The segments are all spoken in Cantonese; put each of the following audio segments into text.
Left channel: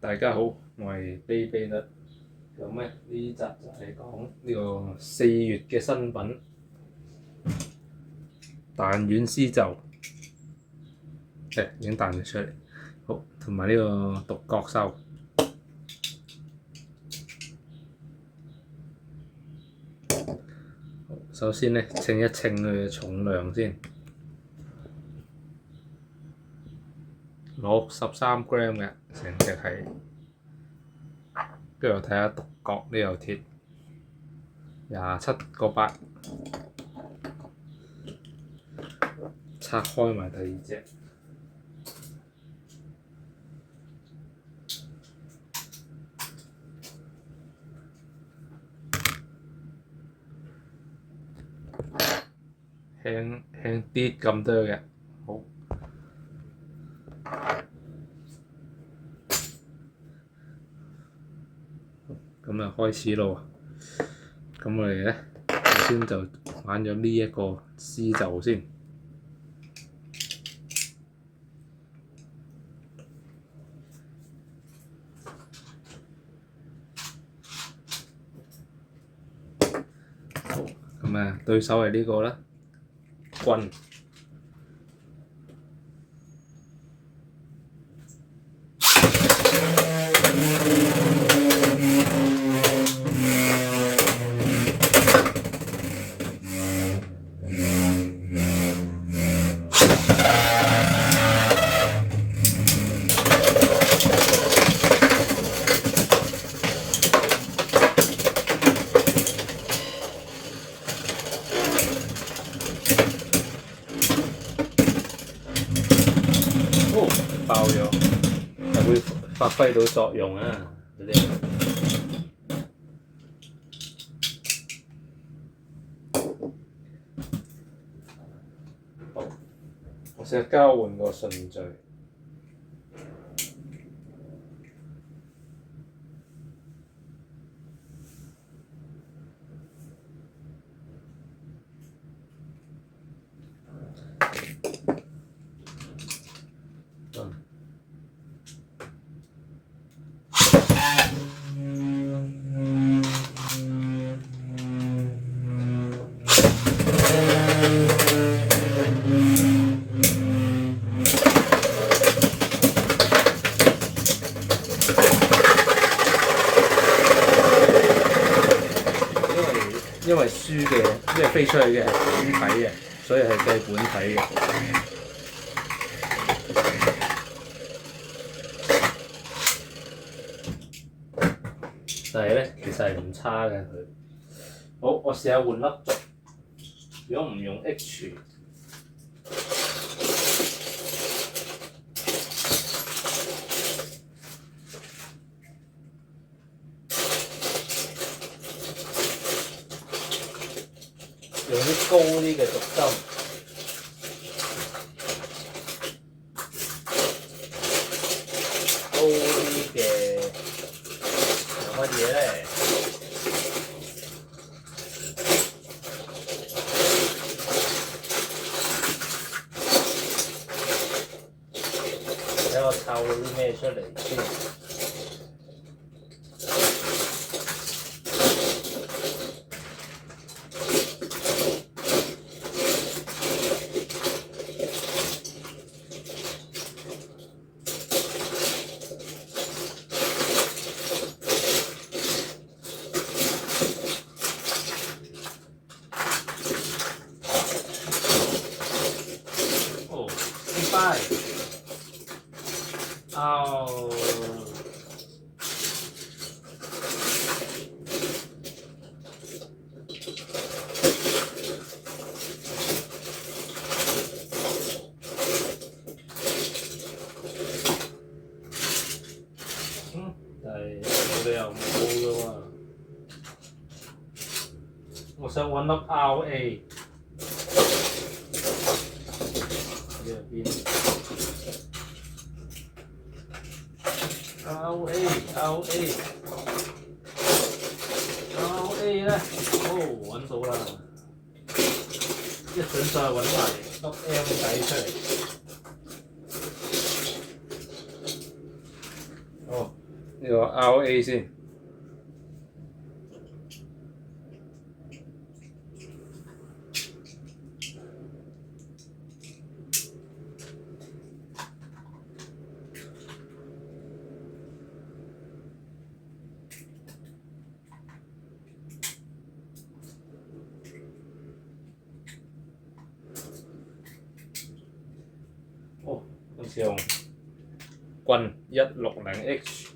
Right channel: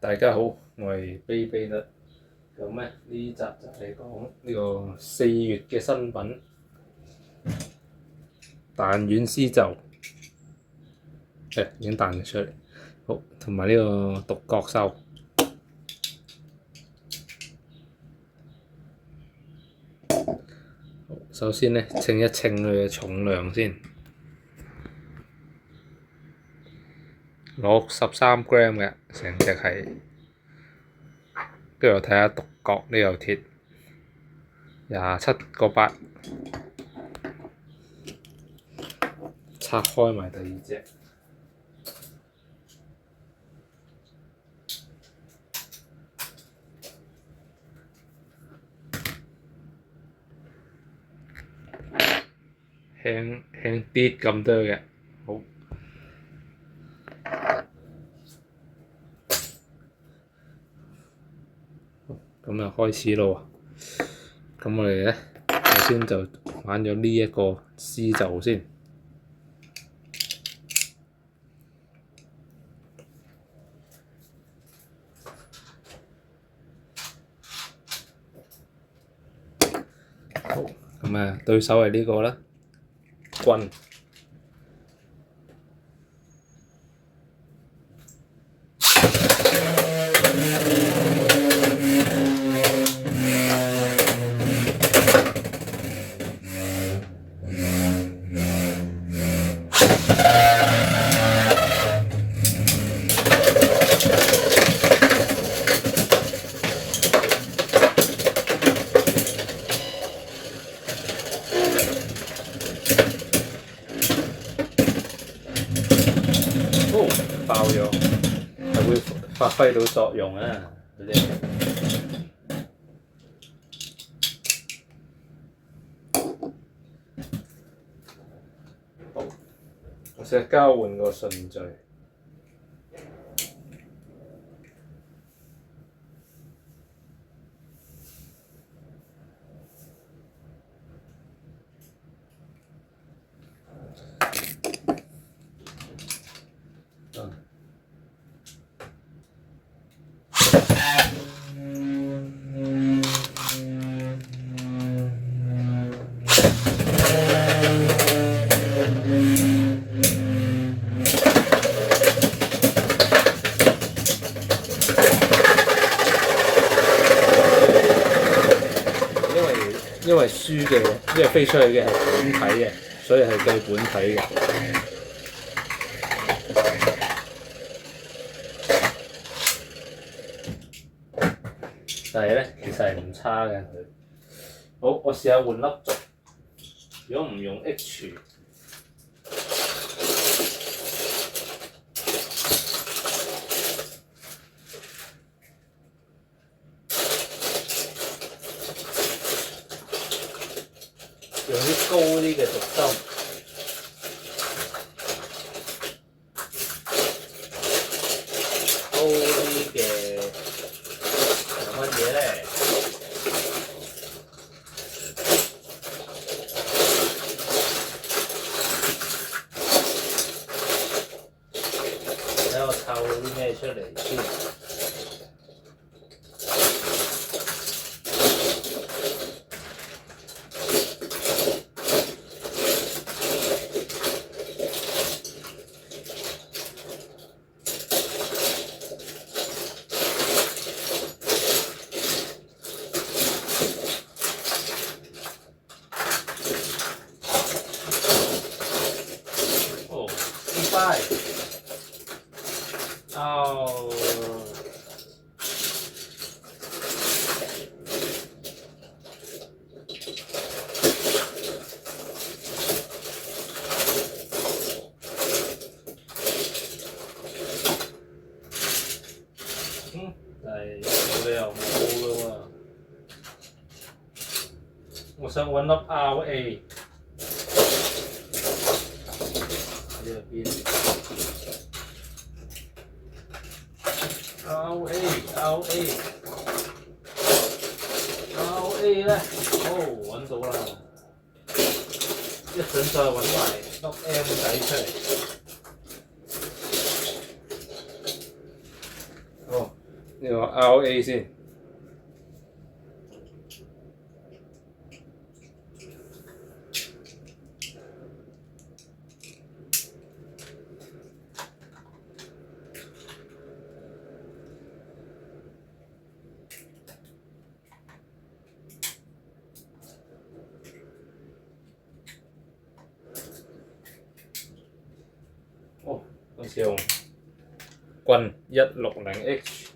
大家好，我係卑卑啦。咁咧呢集就係講呢個4月嘅新品彈丸絲袖，已經彈咗出嚟。好，同埋呢個獨角獸。首先咧，稱一稱佢嘅重量先，63 gram 嘅成隻係，跟住我睇下獨角呢嚿鐵27.8，拆開埋第二隻。輕啲咁多嘅，好。咁啊開始咯喎，咁我哋咧首先就玩咗呢一個絲袖先。好，咁啊對手係呢個啦。棍，爆咗，係會發揮到作用啊！嗰啲好，我試下交換個順序。因為輸嘅，因為飛出去嘅係本體嘅，所以係計本體嘅。但係咧，其實係唔差嘅佢。好，我試下換粒軸。如果唔用 H，用啲高啲嘅軸心，高啲嘅有乜嘢咧？睇我湊到啲咩出嚟先。但係冇理由冇㗎喎，我想揾粒 RA 呢邊 RA 咧，揾到啦！一陣再揾埋粒 M 仔出嚟。呢個 RA 先。哦，好似用棍160H。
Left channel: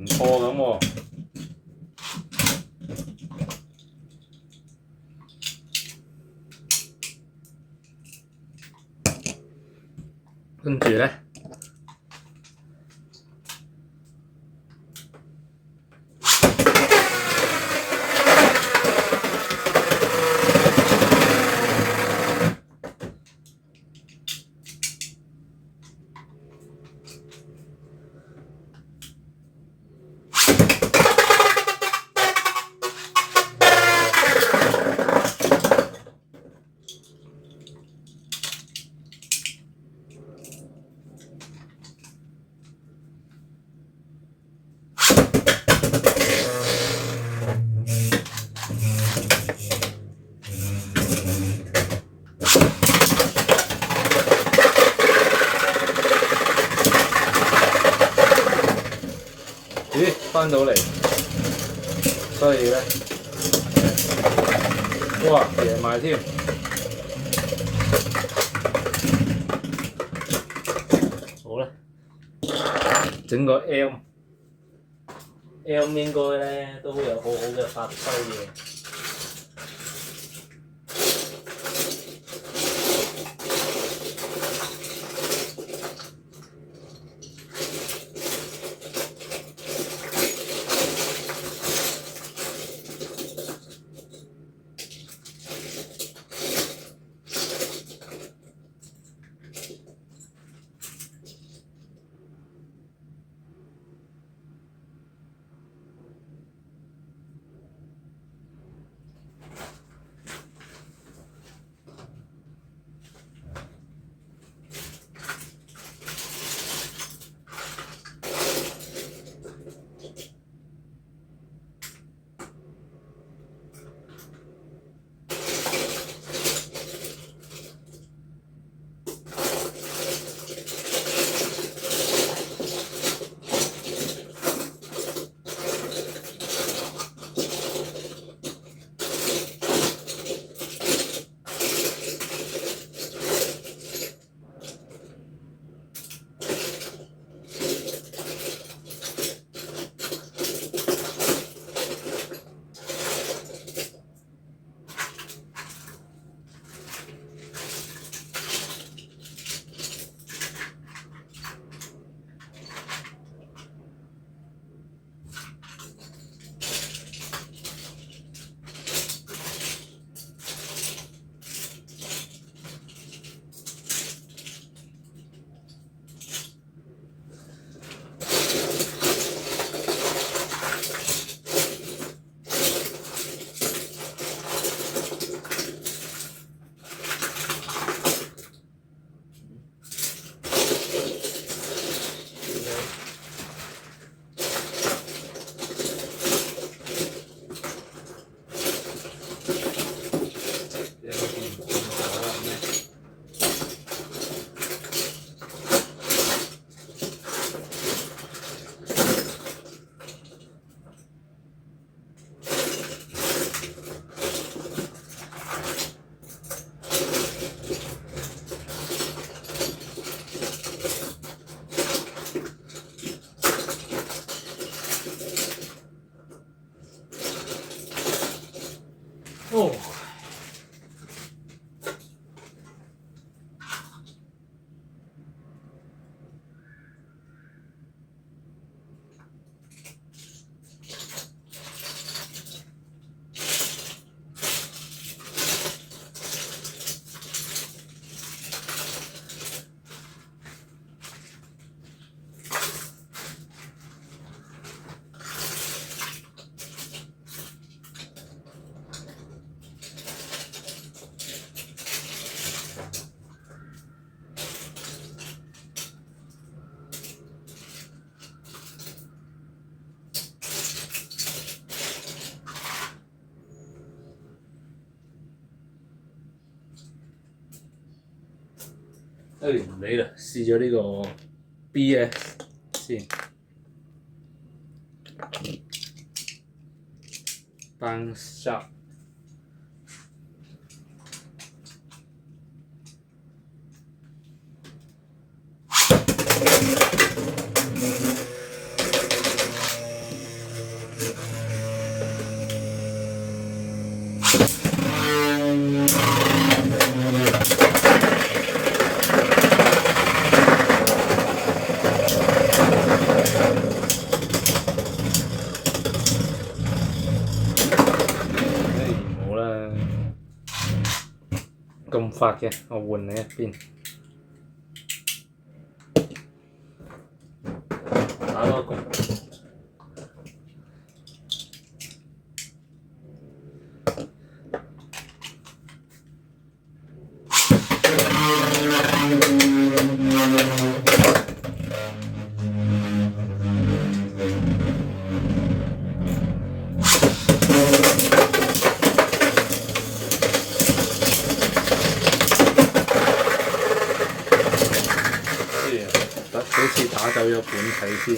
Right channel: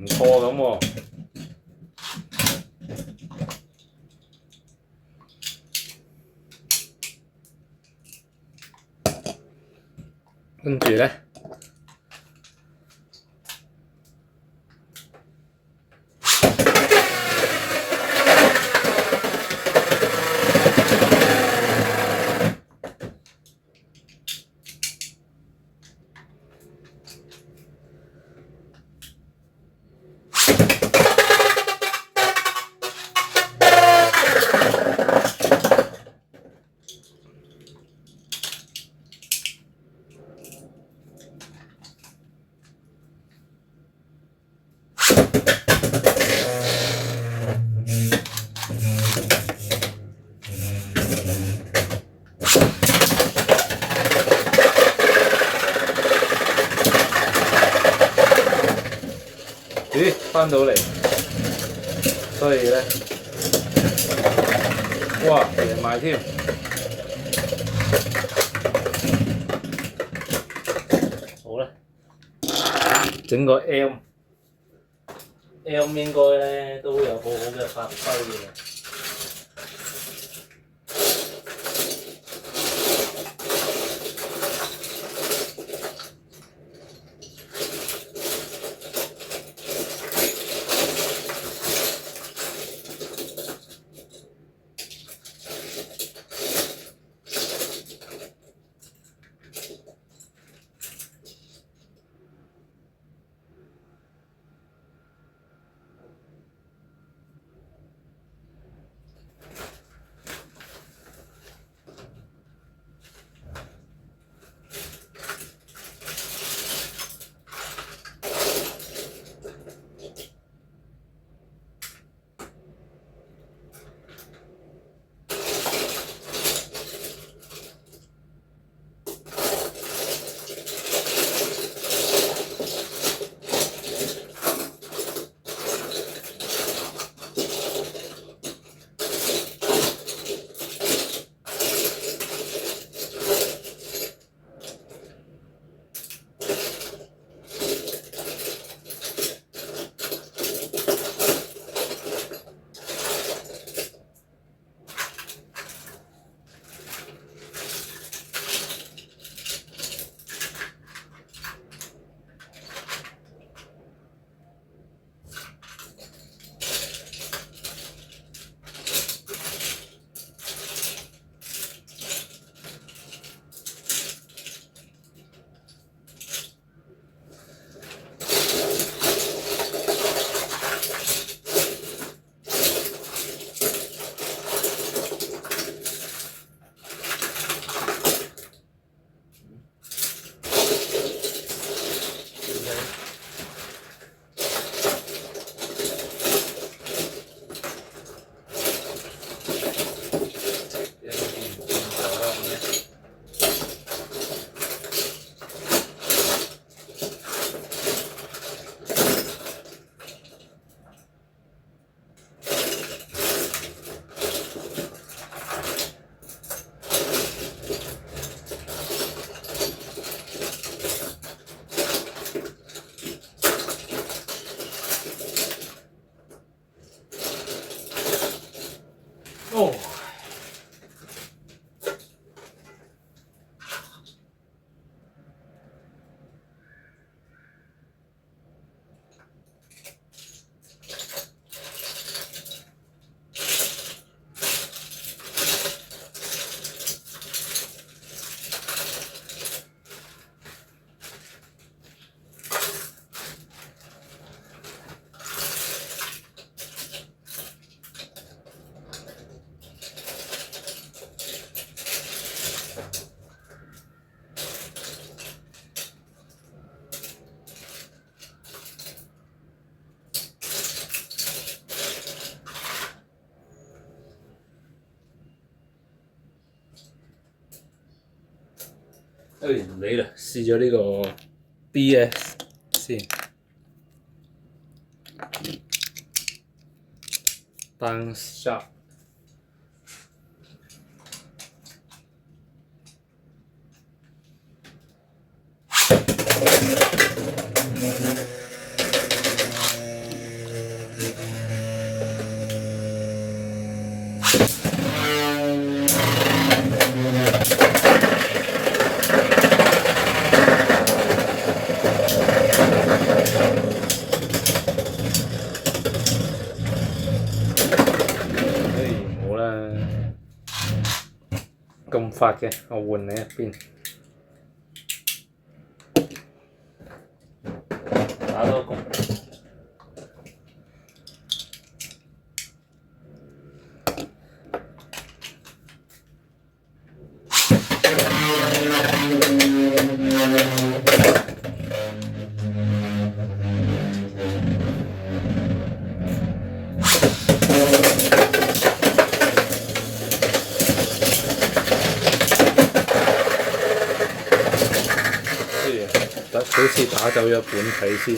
唔錯咁喎。跟住咧，咦，翻到嚟，所以咧，哇，贏埋添。好啦，整個 M 應該咧都有好好嘅發揮嘅。唔理啦，試咗呢個 DS 先。Bounce Shot。唔好啦，咁發嘅，我換你一邊。打多個。好似打走咗本體先。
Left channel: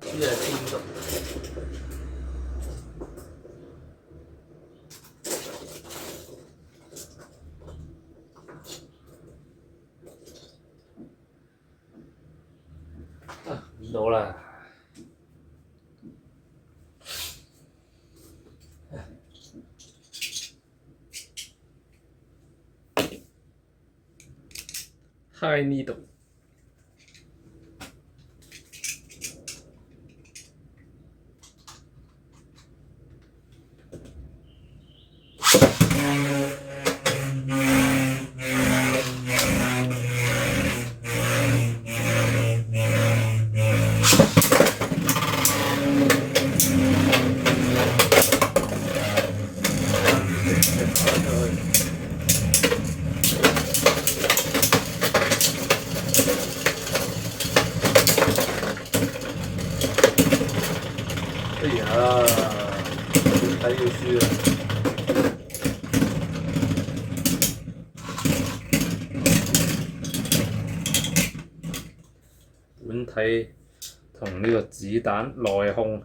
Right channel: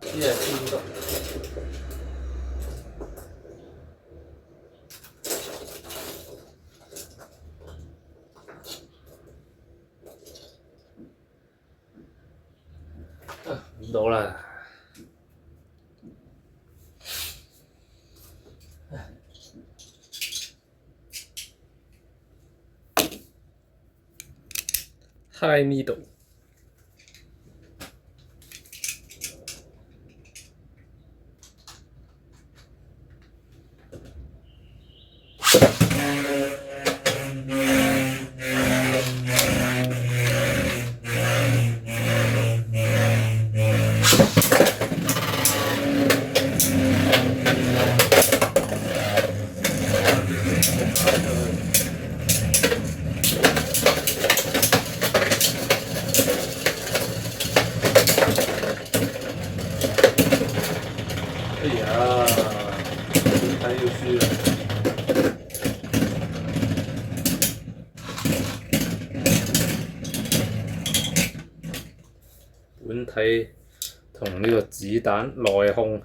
呢隻天神。唔到啦。High Needle。哎呀，本體要輸啦！本體同呢個子彈內控。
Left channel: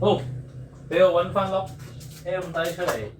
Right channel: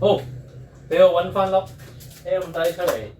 好，俾我揾翻粒 M 底出嚟。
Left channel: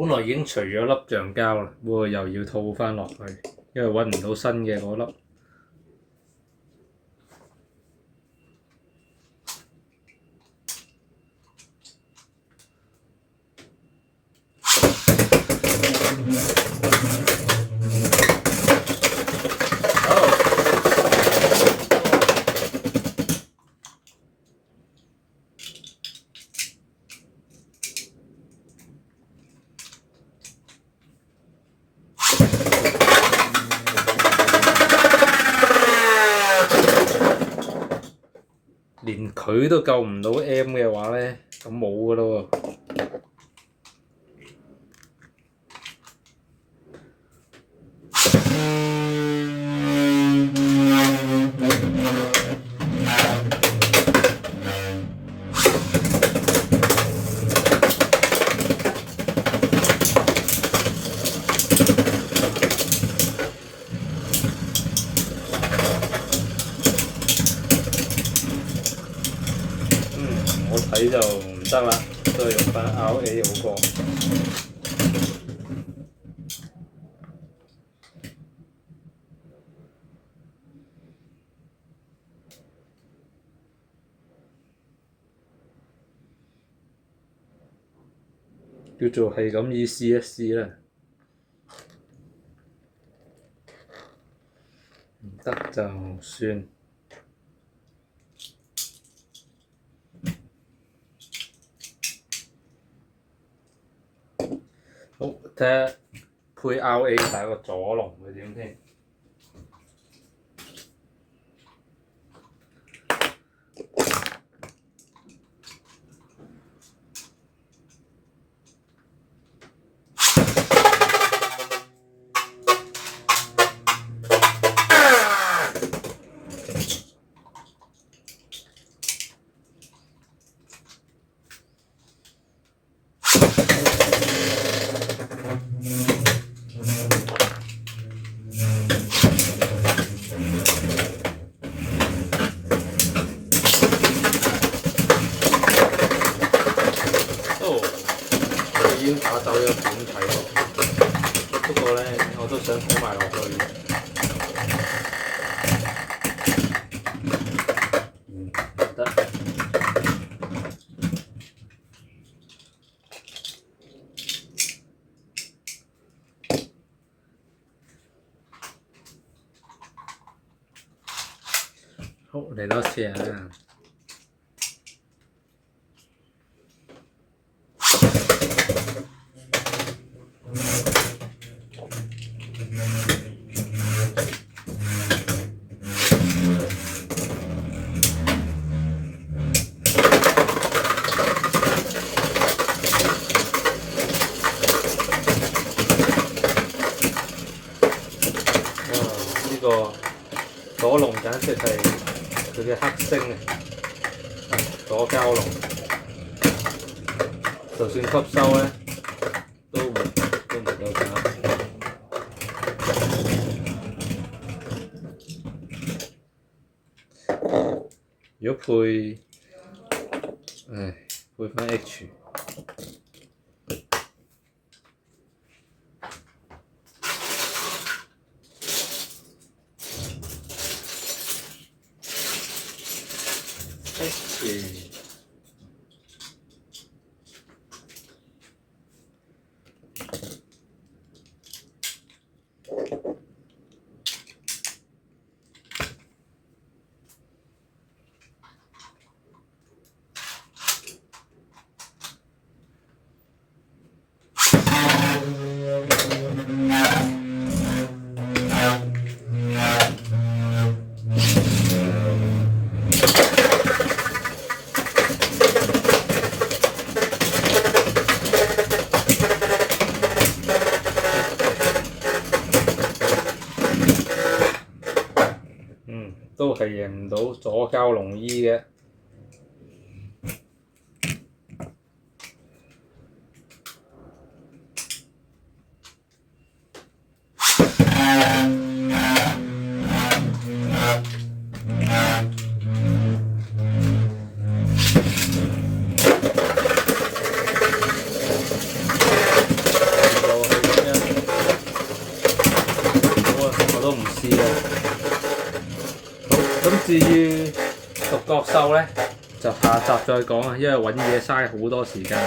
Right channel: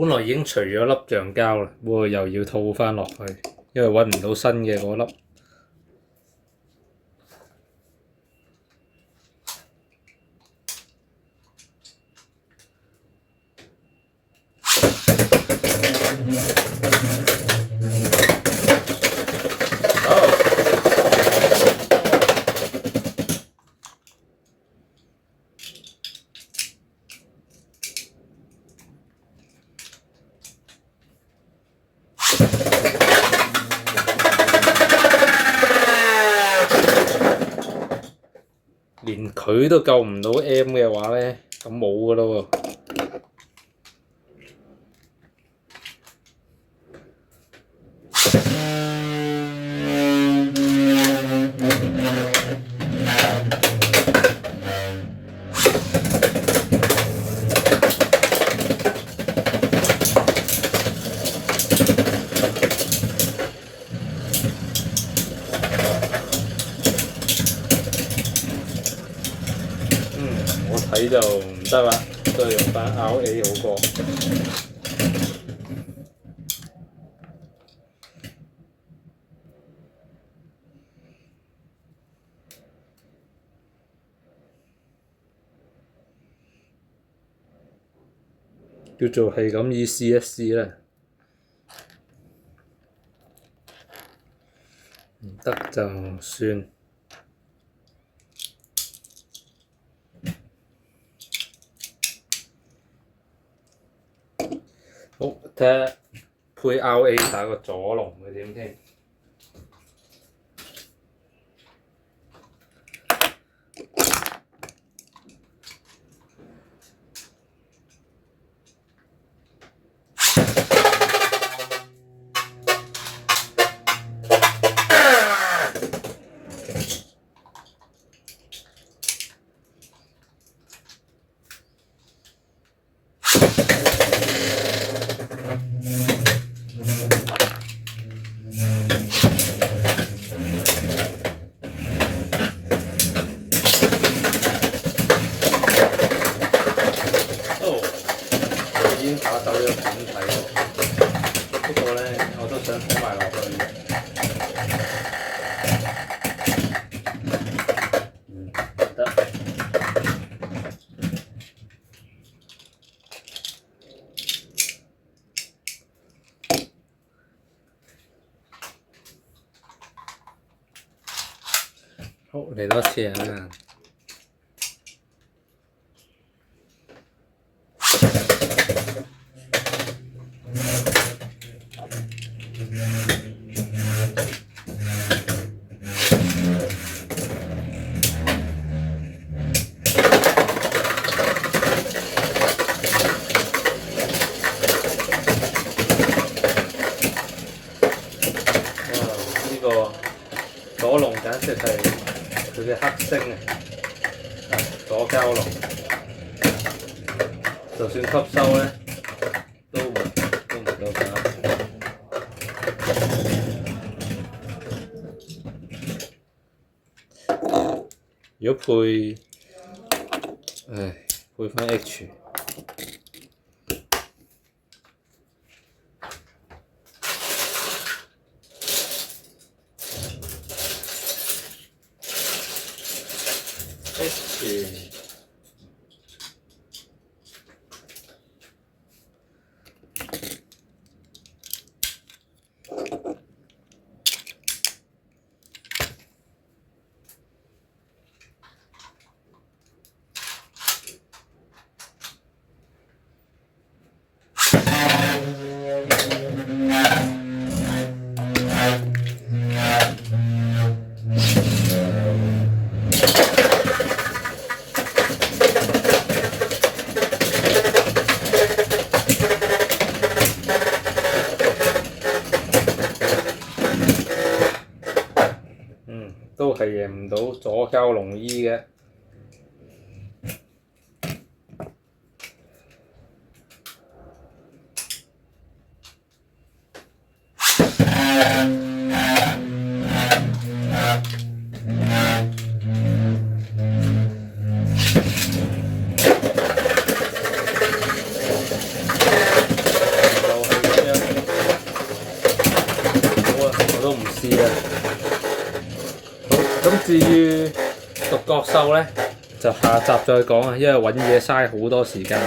本來已經除咗粒橡膠啦，不過又要套翻落去，因為揾唔到新嘅嗰粒。連佢都救唔到 M 嘅話呢，咁冇㗎咯喎。我睇就唔得啦，都係用翻 RA 好過。叫做係咁意試一試啦，唔得就算。好，睇下配 RA 打個左龍嘅點先。已經打走咗片睇喎，不過呢，我都想睇埋落去。得。好，嚟多次啊！左龍簡直係佢嘅黑星啊！左膠龍，就算吸收呢，都唔夠搞。如果配，配翻 H。都係贏唔到左膠龍衣嘅。好啊，我都唔試啦。好，咁至於獨角獸咧，就下集再講啊，因為揾嘢嘥好多時間。